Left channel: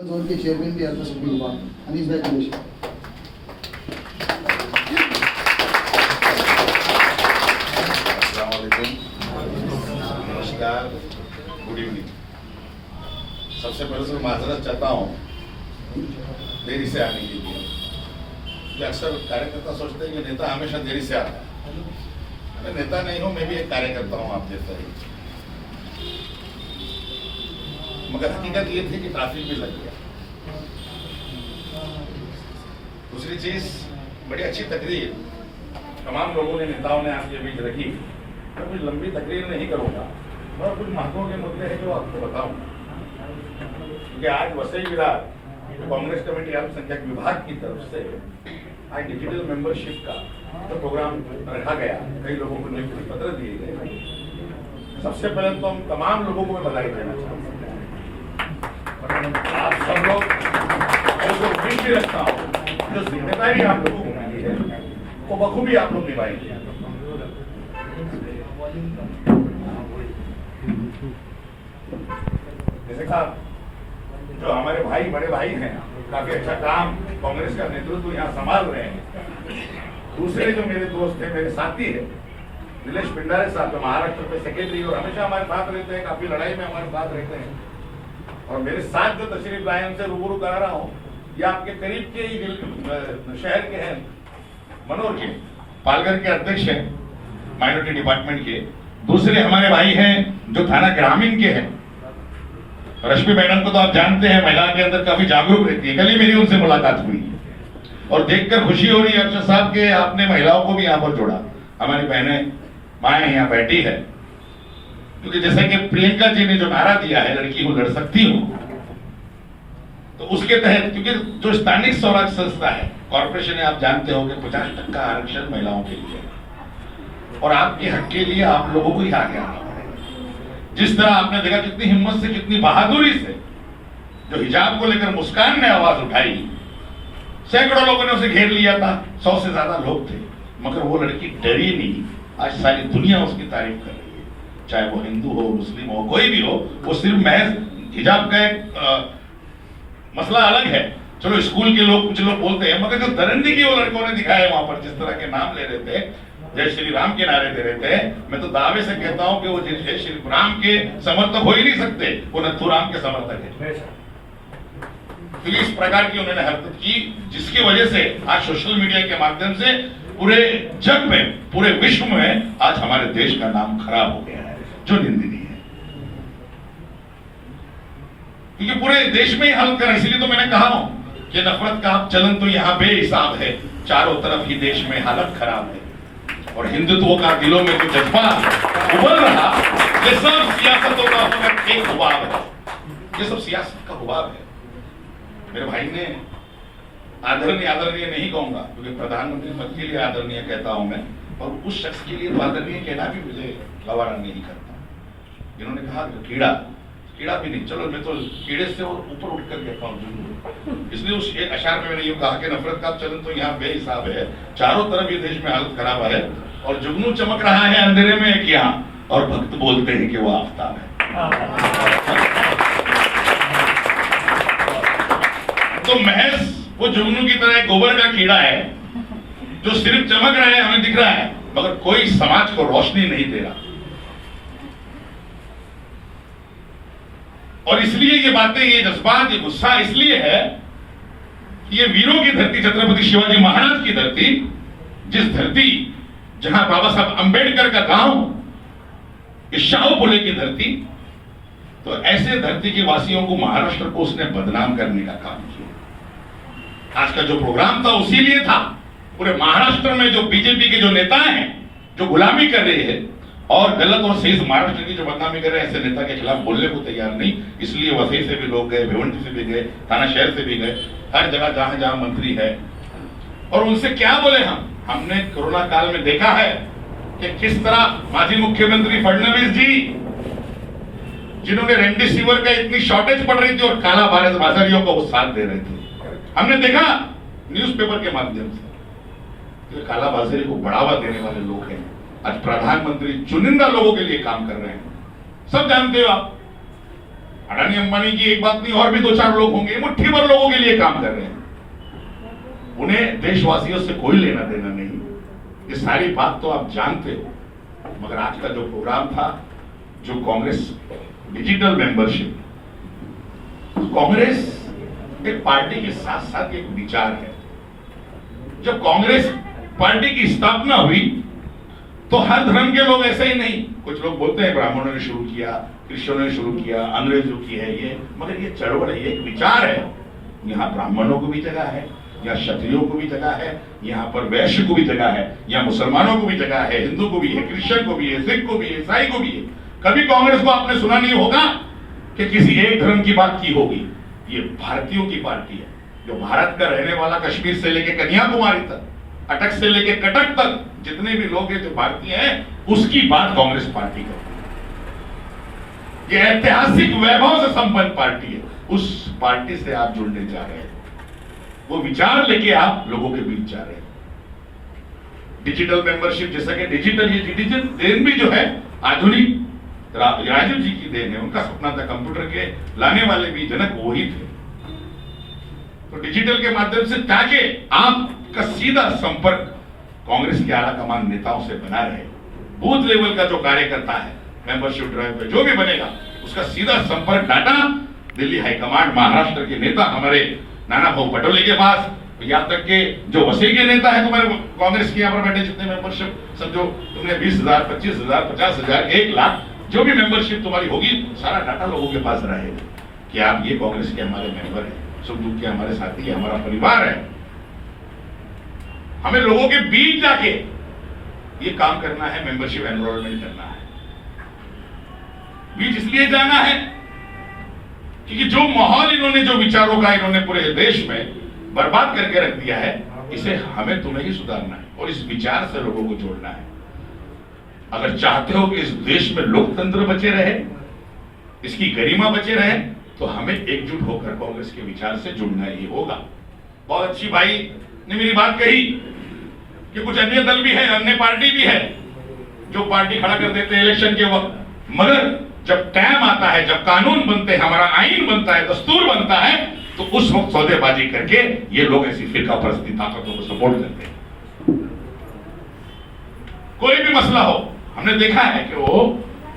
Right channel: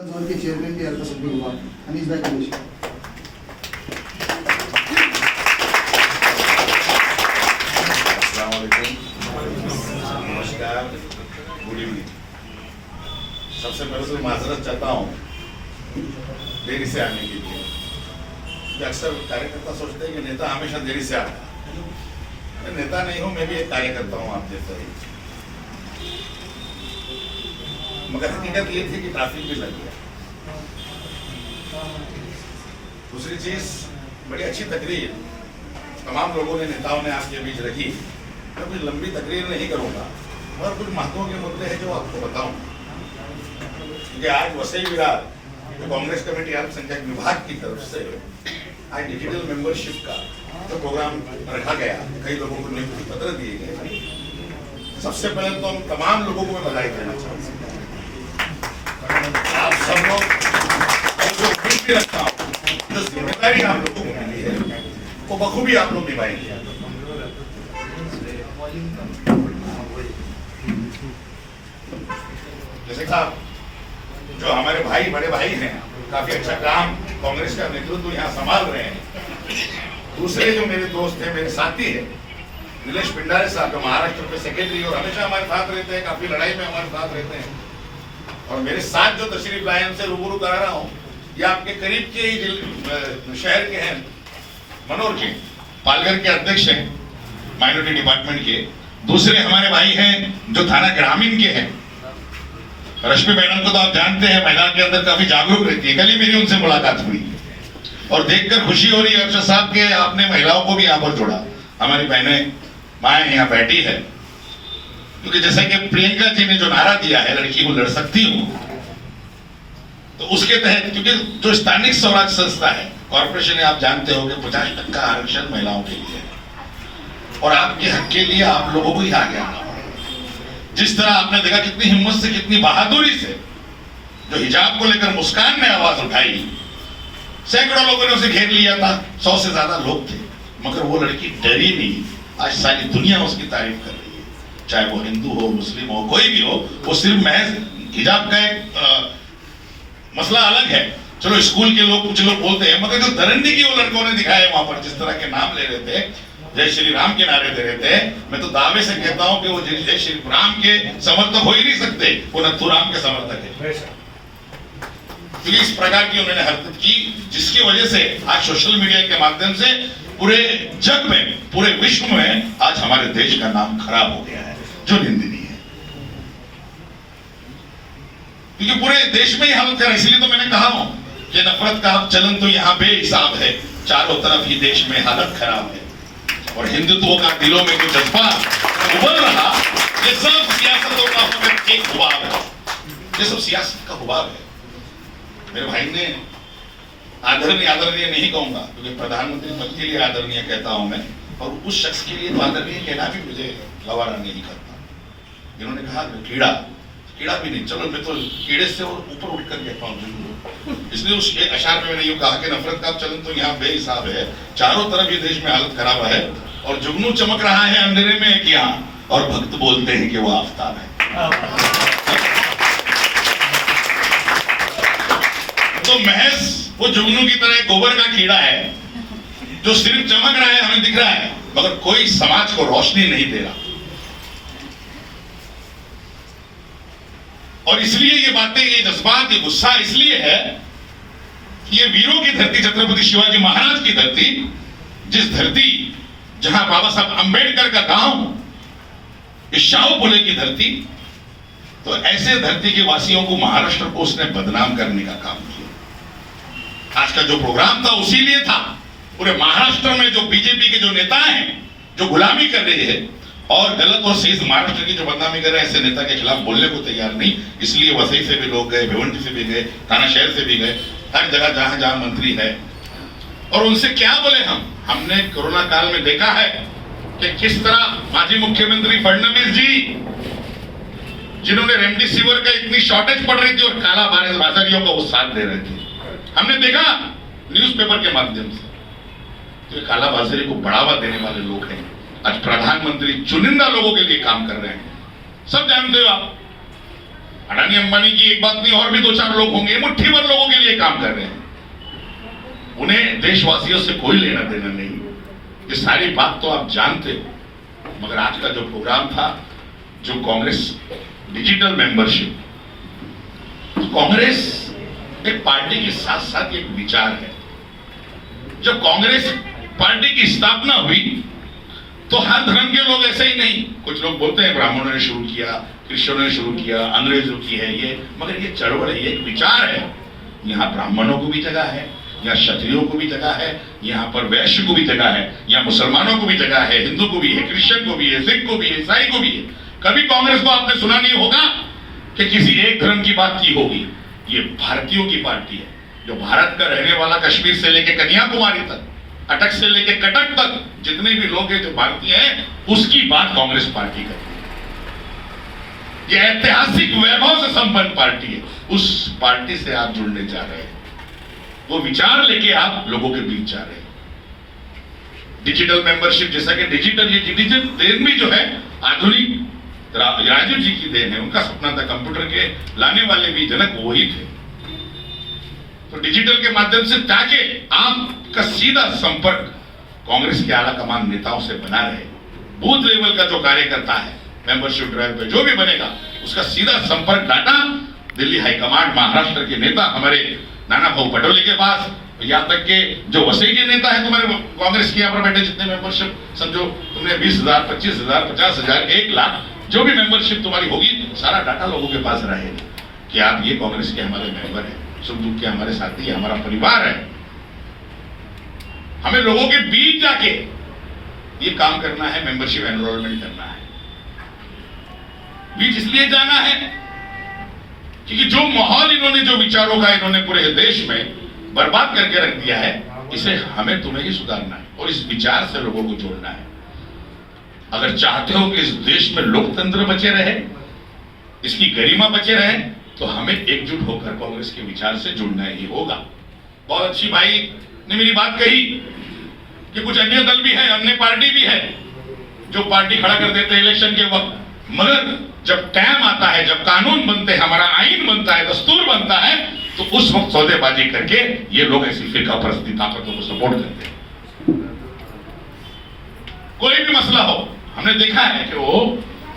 Zone के chairman भी अल्पसंख्यक हुआ अनीस भाई कुरेशी। अस्सलाम वालेकुम, नमस्कार, गुड इवनिंग। सबसे पहले तो माजरत चाहता हूँ देरी से आने के लिए। अक्सर कार्यकर्ता सोचते हैं कि नेता हमेशा देरी से आता है। मैं नेता नहीं हूँ, मैं भी एक कार्यकर्ता हूँ आप जैसा ही। मगर हकीकत ये थी कि ट्रैफिक भी लग गया। दूसरी चीज, बड़ी अच्छी तकरीर तमाम लोगों ने, नेताओं ने आपके बीच रखी। मैं कुछ लंबी तकरीर नहीं करूंगा और कुछ महत्व के मुद्दे हैं जो आपको बताऊंगा। क्योंकि आज वसई विरार कांग्रेस कमेटी अल्पसंख्यक विभाग की तरफ से आज डिजिटल मेंबरशिप का तो प्रोग्राम रखा गया। कई लोगों को नियुक्ति पत्र दिए गए। सबसे पहले तो हम तमाम लोगों को मैं बधाई देना चाहता हूँ। आप सब लोग जो उम्मीद भी रखता हूँ, जो जिम्मेदारी आप लोगों को मिली है वो बखूबी आप लोग निभाएंगे। जैसे कहा, जो हमारे भाई बड़े भाई हैं, काफी अच्छा काम कांग्रेस का नेतृत्व यहाँ संभाल रहे हैं। दूसरे जो मेरे दोस्त हैं, मेरे साथी हैं, नीलेश पिंडारे साहब, जो महाराष्ट्र के सेक्रेटरी और हमेशा हमारे साथ रहते हैं, काफी लड़ाई में हमारे साथ रहते हैं। और मेरे साथ जो तशरीफ लाए, उनसे रूबरू करा रहा हूँ, ये आपके करीब के ही शहर के हैं, मनोर के, पालघर के अध्यक्ष हैं माइनॉरिटी डिपार्टमेंट के। दूसरे हमारे भाई हैं जो थाना ग्रामीण के हैं। रश्मि मैडम को तो आप जानते हैं, महिला के अंदर काफी जागरूक रहती है। कल ही मेरी उनसे मुलाकात हुई और देखकर खुशी हो रही है अरशद साहब के आपने महिलाओं को भी यहाँ पर जोड़ा। हमारी बहनें माएँ यहाँ बैठी है, क्योंकि जैसे कि प्रियंका जी ने जो नारा दिया है, लड़की को लड़ सकती हूँ, तो उसके तहत, क्योंकि जो स्थानिक स्वराज संस्था है, कॉर्पोरेशन है, आप जानते हो कि 50% आरक्षण महिलाओं के लिए है और आपके हक के लिए आप लोगों को ही आगे आना होगा। जिस तरह आपने देखा कितनी हिम्मत से, कितनी बहादुरी से जो हिजाब को लेकर मुस्कान ने आवाज उठाई, सैकड़ों लोगों ने उसे घेर लिया था, 100 से ज्यादा लोग थे, मगर वो लड़की डरी नहीं। आज सारी दुनिया उसकी तारीफ कर रही है, चाहे वो हिंदू हो, मुस्लिम हो, कोई भी हो। वो सिर्फ महज हिजाब का एक मसला अलग है। चलो स्कूल के लोग, कुछ लोग बोलते हैं, मगर जो दरंदी की वो लड़कों ने दिखाया वहां पर, जिस तरह के नाम ले रहे थे, जय श्री राम के नारे दे रहे थे, मैं तो दावे से कहता हूं कि वो जय श्री राम के समर्थक हो ही नहीं सकते, वो नथुराम के समर्थक है। तो इस प्रकार की उन्होंने हरकत की, जिसकी वजह से आज सोशल मीडिया के माध्यम से पूरे जग में, पूरे विश्व में आज हमारे देश का नाम खराब हो गया है, जो निंदनीय है। क्योंकि पूरे देश में ही हालत खराब, इसलिए तो मैंने कहा हूं कि नफरत का चलन तो यहाँ बेहिसाब है, चारों तरफ ही देश में हालत खराब है। और हिंदुत्व का दिलों में जो जज्बा उभर रहा, ये सब सियासतों का एक हुबाब है, ये सब सियासत का हुबाब है। मेरे भाई ने आदरणीय नहीं कहूंगा, क्योंकि प्रधानमंत्री पद के लिए आदरणीय कहता हूं मैं, और उस शख्स के लिए तो आदरणीय कहना भी मुझे गवारा नहीं करता, जिन्होंने कहा कीड़ा भी नहीं, चलो मैं तो कीड़े से और ऊपर उठकर कहता हूँ। इसलिए उस अशार में मैंने ये कहा कि नफरत का चलन तो यहाँ बेहिसाब है, चारों तरफ ये देश में हालत खराब है, और जुगनू चमक रहा है अंधेरे में क्या, और भक्त बोलते हैं कि वो आफताब है। तो महज वो जुगनू की तरह गोबर का कीड़ा है, जो सिर्फ चमक रहा है, हमें दिख रहा है, मगर कोई समाज को रोशनी नहीं दे रहा। और इसलिए ये बातें, ये जज्बात, ये गुस्सा इसलिए है कि ये वीरों की धरती, छत्रपति शिवाजी महाराज की धरती, जिस धरती जहां बाबा साहब अंबेडकर का गांव, इस शाहू फुले की धरती, तो ऐसे धरती के वासियों को, महाराष्ट्र को उसने बदनाम करने का काम किया। आज का जो प्रोग्राम था उसी लिए था। पूरे महाराष्ट्र में जो बीजेपी के जो नेता हैं, जो गुलामी कर रहे हैं और गलत और सही महाराष्ट्र की जो बदनामी कर रहे हैं, ऐसे नेता के खिलाफ बोलने को तैयार नहीं। इसलिए वसई से भी लोग गए, भिवंडी से भी गए, थाना शहर से भी गए, हर जगह जहां जहां मंत्री है। और उनसे क्या बोले हमने कोरोना काल में देखा है कि किस तरह माजी मुख्यमंत्री फडणवीस जी, जिन्होंने रेमडेसिविर का इतनी शॉर्टेज पड़ रही थी और काला बाजारियों को वो साथ दे रहे थे, हमने देखा न्यूज़पेपर के माध्यम से। तो काला बाजारी को बढ़ावा देने वाले लोग हैं। आज प्रधानमंत्री चुनिंदा लोगों के लिए काम कर रहे हैं, सब जानते हो आप। अडानी अंबानी की एक बात नहीं, और भी 2-4 लोग होंगे, मुट्ठी भर लोगों के लिए काम कर रहे हैं। उन्हें देशवासियों से कोई लेना देना नहीं। ये सारी बात तो आप जानते हो। मगर आज का जो प्रोग्राम था, जो कांग्रेस डिजिटल मेंबरशिप, कांग्रेस एक पार्टी के साथ साथ एक विचार है। जब कांग्रेस पार्टी की स्थापना हुई तो हर धर्म के लोग ऐसे ही नहीं, कुछ लोग बोलते हैं ब्राह्मणों ने शुरू किया, क्रिश्चियनों ने शुरू किया, अंग्रेजों की है ये, मगर ये चळवळ है, ये एक विचार है। यहाँ ब्राह्मणों को भी जगह है, यहाँ क्षत्रियों को भी जगह है, यहाँ पर वैश्य को भी जगह है, यहाँ मुसलमानों को भी जगह है, हिंदू को भी है, क्रिश्चियन को भी है, सिख को भी है, ईसाई को भी है। कभी कांग्रेस को आपने सुना नहीं होगा कि किसी एक धर्म की बात की होगी। ये भारतीयों की पार्टी है, जो भारत का रहने वाला, कश्मीर से लेकर कन्याकुमारी तक, अटक से लेकर कटक तक जितने भी लोग हैं जो भारतीय हैं, उसकी बात कांग्रेस पार्टी करती है। ये ऐतिहासिक वैभव से संपन्न पार्टी है। उस पार्टी से आप जुड़ने जा रहे हैं, वो विचार लेके आप लोगों के बीच जा रहे हैं। डिजिटल मेंबरशिप, जैसा कि डिजिटल, ये डिजिटल देन भी जो है आधुनिक राजू जी की देन है। उनका सपना था, कंप्यूटर के लाने वाले भी जनक वही थे। तो डिजिटल के माध्यम से ताकि आपका सीधा संपर्क कांग्रेस के आला कमान नेताओं से बना रहे। बूथ लेवल का जो कार्यकर्ता है, मेंबरशिप ड्राइव पे जो भी बनेगा, उसका सीधा संपर्क डाटा दिल्ली हाईकमांड, महाराष्ट्र के नेता हमारे नाना भाऊ पटोले के पास, यहाँ तक के जो वसई के नेता है तुम्हारे कांग्रेस के यहाँ पर बैठे, जितने मेंबरशिप समझो तुमने 20,000, 25,000, 50,000, 1 लाख, जो भी मेंबरशिप तुम्हारी होगी, सारा डाटा लोगों के पास रहेगा कि आप ये कांग्रेस के हमारे मेंबर हैं, सुख दुख के हमारे साथी है, हमारा परिवार है। हमें लोगों के बीच जाके ये काम करना है, मेंबरशिप एनरोलमेंट करना है। बीच इसलिए जाना है क्योंकि जो माहौल इन्होंने, जो विचारों का इन्होंने पूरे देश में बर्बाद करके रख दिया है, इसे हमें तुम्हें ही सुधारना है और इस विचार से लोगों को जोड़ना है। अगर चाहते हो कि इस देश में लोकतंत्र बचे रहे, इसकी गरिमा बचे रहे, तो हमें एकजुट होकर कांग्रेस के विचार से जुड़ना ही होगा। बहुत अच्छी भाई ने मेरी बात कही कि कुछ अन्य दल भी है, अन्य पार्टी भी है जो पार्टी खड़ा कर देते हैं इलेक्शन के वक्त, मगर जब टाइम आता है, जब कानून बनते हैं, हमारा आईन बनता है, दस्तूर बनता है, तो उस वक्त सौदेबाजी करके ये लोग ऐसी फिरका परस्ती ताकतों को सपोर्ट करते हैं। कोई भी मसला हो, हमने देखा है कि वो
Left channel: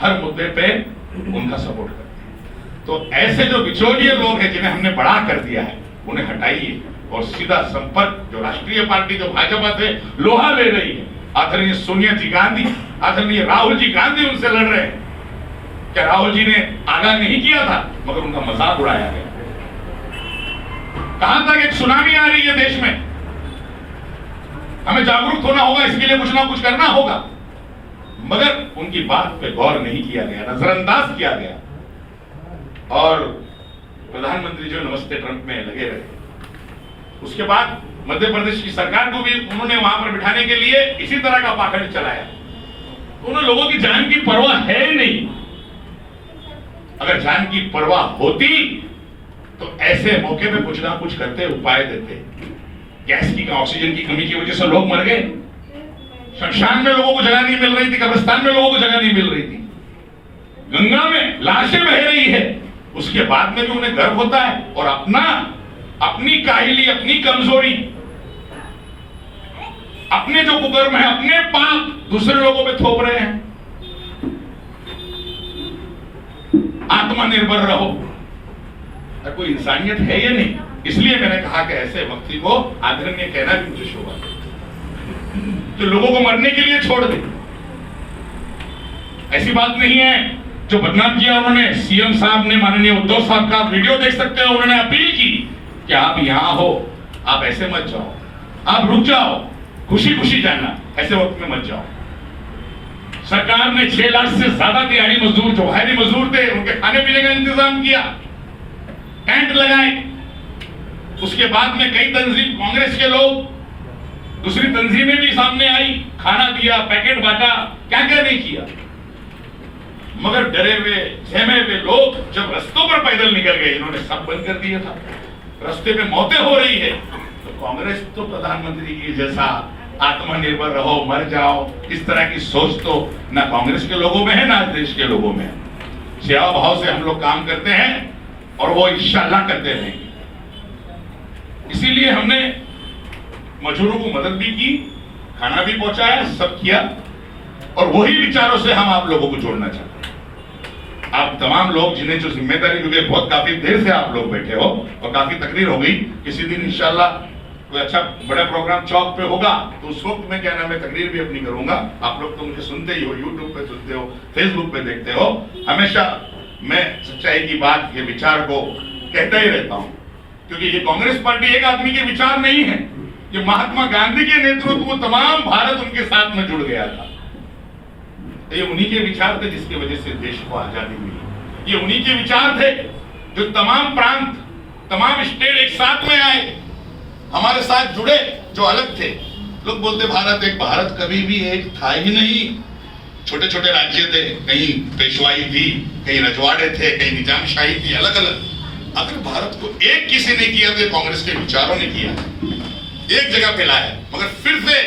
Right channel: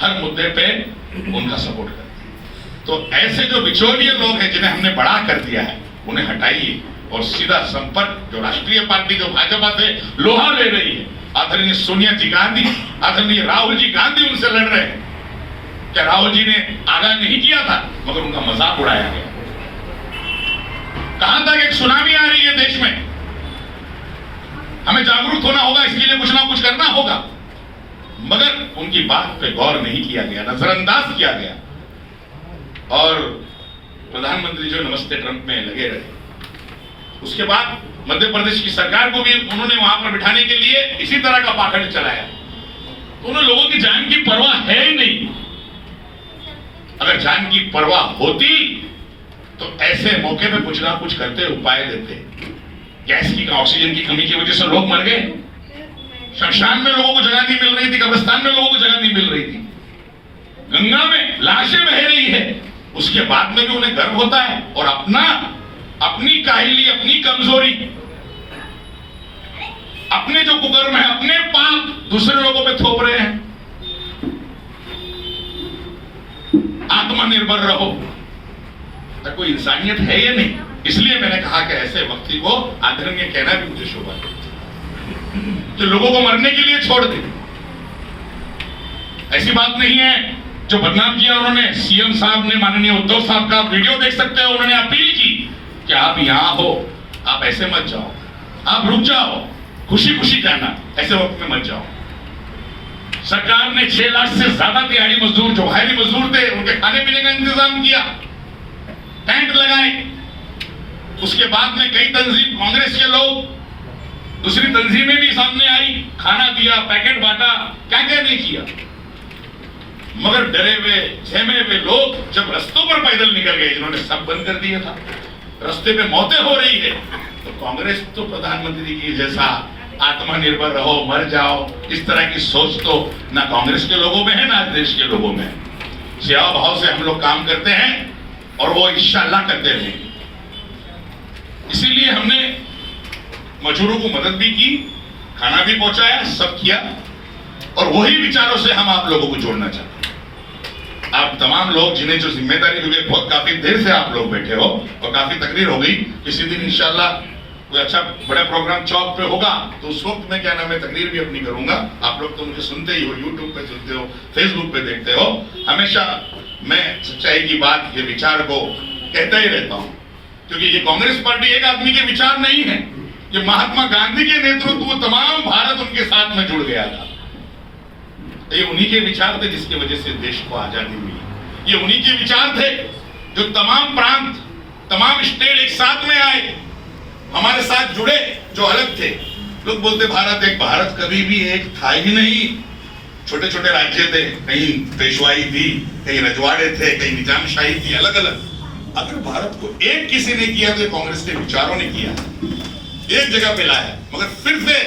हर मुद्दे पे उनका सपोर्ट करते हैं। तो ऐसे जो बिचौलिए लोग हैं जिन्हें हमने बड़ा कर दिया है, उन्हें हटाइए और सीधा संपर्क, जो राष्ट्रीय पार्टी जो भाजपा से लोहा ले रही है, आदरणीय सोनिया जी गांधी, आदरणीय राहुल जी गांधी उनसे लड़ रहे हैं। क्या राहुल जी ने आगाह नहीं किया था, मगर उनका मजाक उड़ाया गया। कहां तक एक सुनामी आ रही है देश में, हमें जागरूक होना होगा, इसके लिए कुछ ना कुछ करना होगा, मगर उनकी बात पे गौर नहीं किया गया, नजरअंदाज किया गया। और प्रधानमंत्री जो नमस्ते ट्रंप में लगे रहे, उसके बाद मध्य प्रदेश की सरकार को भी उन्होंने वहां पर बिठाने के लिए इसी तरह का पाखंड चलाया। तो उन्हें लोगों की जान की परवाह है ही नहीं। अगर जान की परवाह होती तो ऐसे मौके पे कुछ ना कुछ करते, उपाय देते। गैस की, ऑक्सीजन की कमी की वजह से लोग मर गए, शमशान में लोगों को जगह नहीं मिल रही थी, कब्रिस्तान में लोगों को जगह नहीं मिल रही थी, गंगा में लाशें बह रही है, उसके बाद में भी उन्हें गर्व होता है और अपनी काहिली, अपनी कमजोरी, अपने जो कुकर्म है, अपने पाप दूसरे लोगों पे थोप रहे हैं। आत्मनिर्भर रहो, तो कोई इंसानियत है या नहीं। इसलिए मैंने कहा कि ऐसे व्यक्ति को आदरणीय कहना भी मुझे शोभा देता, जो लोगों को मरने के लिए छोड़ दे। ऐसी बात नहीं है जो बदनाम किया उन्होंने। सीएम साहब ने, माननीय उद्धव साहब का वीडियो देख सकते हो, उन्होंने अपील की कि आप यहां हो, आप ऐसे मत जाओ, आप रुक जाओ, खुशी खुशी जाना, ऐसे वक्त में मत जाओ। सरकार ने 6 लाख से ज्यादा दिहाड़ी मजदूर, जो बाहरी मजदूर थे, उनके खाने पीने का इंतजाम किया, टेंट लगाए। उसके बाद में कई तंजीम, कांग्रेस के लोग, दूसरी तंजीमें भी सामने आई, खाना दिया, पैकेट बांटा, क्या क्या नहीं किया। मगर डरे हुए, सहमे हुए लोग जब रस्तों पर पैदल निकल गए, जिन्होंने सब बंद कर दिया था, रास्ते पे मौतें हो रही है, तो कांग्रेस तो प्रधानमंत्री की जैसा आत्मनिर्भर रहो, मर जाओ, इस तरह की सोच तो ना कांग्रेस के लोगों में है, ना देश के लोगों में है। सेवा भाव से हम लोग काम करते हैं और वो इंशाअल्लाह करते रहेंगे। इसीलिए हमने मजदूरों को मदद भी की, खाना भी पहुंचाया, सब किया, और वही विचारों से हम आप लोगों को जोड़ना चाहते हैं। आप तमाम लोग जिन्हें जो जिम्मेदारी हुई, बहुत काफी देर से आप लोग बैठे हो और काफी तकरीर हो गई। किसी दिन इंशाअल्लाह कोई अच्छा बड़ा प्रोग्राम चौक पे होगा तो उस वक्त मैं क्या नाम है तकरीर भी अपनी करूंगा। आप लोग तो मुझे सुनते ही हो, यूट्यूब पे सुनते हो, फेसबुक पे देखते हो। हमेशा मैं सच्चाई की बात, ये विचार को कहता ही रहता हूं, क्योंकि ये कांग्रेस पार्टी एक आदमी के विचार नहीं है। ये महात्मा गांधी के नेतृत्व तमाम भारत उनके साथ में जुड़ गया था। ये उन्हीं के विचार थे जिसकी वजह से देश को आजादी मिली। ये उन्हीं के विचार थे जो तमाम प्रांत, तमाम स्टेट एक साथ में आए, हमारे साथ जुड़े, जो अलग थे। लोग बोलते भारत एक, भारत कभी भी एक था ही नहीं। छोटे छोटे राज्य थे, कहीं पेशवाई थी, कहीं रजवाड़े थे, कहीं निजामशाही थी, अलग अलग। अगर भारत को एक किसी ने किया तो कांग्रेस के विचारों ने किया है, एक जगह पे लाया। मगर फिर से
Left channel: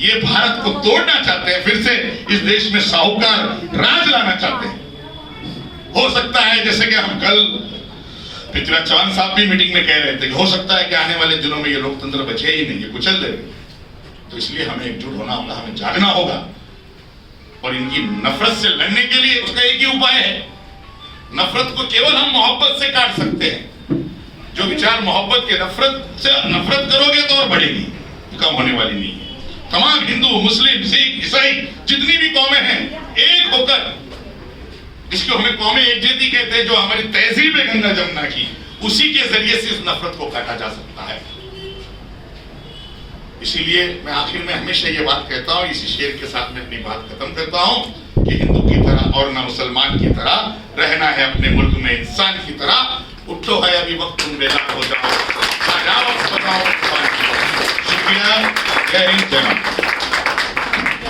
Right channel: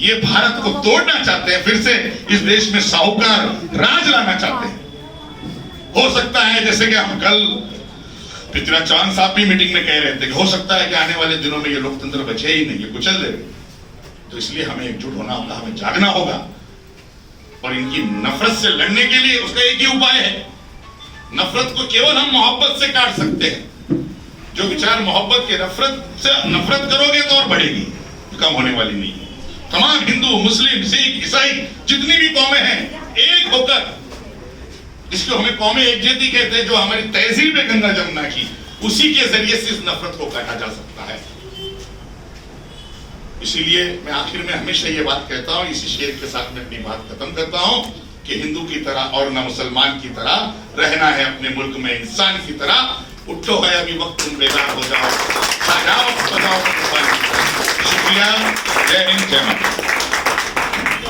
ये भारत को तोड़ना चाहते हैं, फिर से इस देश में साहूकार राज लाना चाहते हैं। हो सकता है जैसे कि हम कल पृथ्वीराज चौहान साहब भी मीटिंग में कह रहे थे कि हो सकता है कि आने वाले दिनों में ये लोकतंत्र बचे ही नहीं, ये कुचल देंगे। तो इसलिए हमें एकजुट होना होगा, हमें जागना होगा, और इनकी नफरत से लड़ने के लिए उसका एक ही उपाय है। नफरत को केवल हम मोहब्बत से काट सकते हैं। जो विचार मोहब्बत के नफरत करोगे तो और बढ़ेगी, तो कम होने वाली नहीं है। तमाम हिंदू, मुस्लिम, सिख, ईसाई जितनी भी कौमें हैं, एक होकर, इसको हमें कौमें एकजुटी कहते हैं, जो हमारी तहजीब है गंगा जमुना की, उसी के जरिए से इस नफरत को काटा जा सकता है। इसीलिए मैं आखिर में हमेशा ये बात कहता हूं, इसी शेर के साथ मैं अपनी बात खत्म करता हूं कि हिंदू की तरह और न मुसलमान की तरह रहना है अपने मुल्क में इंसान की तरह। उठो है अभी वक्त, तुम बेदार हो जाओ, बताओ। शुक्रिया, जय हिंद, जय भारत।